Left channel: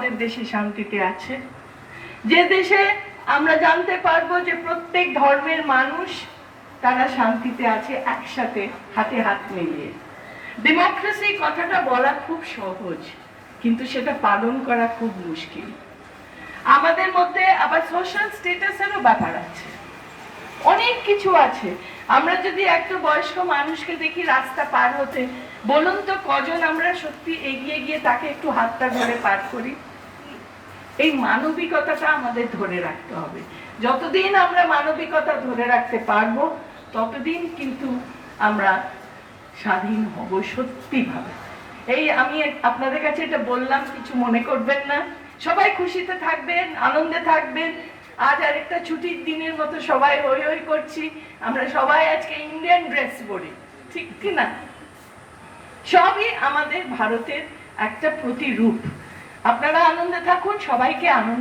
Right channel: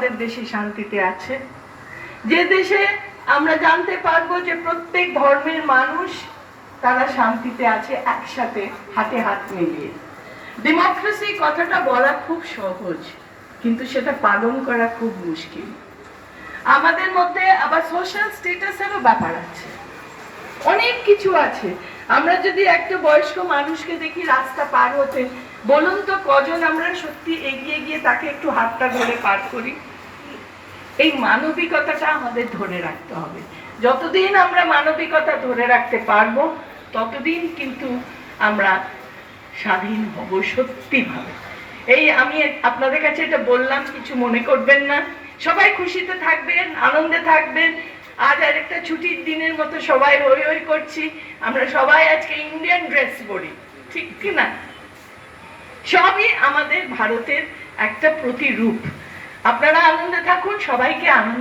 আমাদের দেশে শান্তিতে আছে, যে দেশে আমরা জানতে পারবো যে প্রত্যেক ধর্মের মানুষ তারা শান্তিতে আছে একসাথে হাতে হাত মিলিয়ে। ডেমোক্রেসি কথাটা বলা খুব সহজ, কিন্তু সেটা পালন করা খুব মুশকিল। আমাদের মধ্যে আবার সোশ্যাল স্ট্যাটাসেরও ব্যাপার আছে, অনেক কিছু আছে। আমরা যদি একটা বয়স্ক মানুষকে দেখি রাস্তা পার হতে, বলুন তো কজন আমরা সত্যি এগিয়ে গিয়ে তাকে একটু হাতটা ধরে পার করি? এই মানবিকতাটা আমাদের ধরে রাখতে হবে। যতদিন আমরা মানবিকতা ধরে রাখতে পারবো ততদিন কিন্তু আমরা স্বাধীন হব সত্যিভাবে। এই আমি আপনাদের কাছে এটা বললাম, কিছু মনে করবেন না। সবাই খুশিতে থাকবেন, আনন্দে থাকবেন। আজ আরেকটা ছুটির দিনের মতো সবাই হই হই করছি। আমরা সবাই আজকে ইন্ডিয়ান ড্রেস পরি, ঠিক কি না? সবই আমাদের ভারতের একটা প্রতিরূপ। আপনারা আনন্দে থাকুন, সবাইকে আনন্দ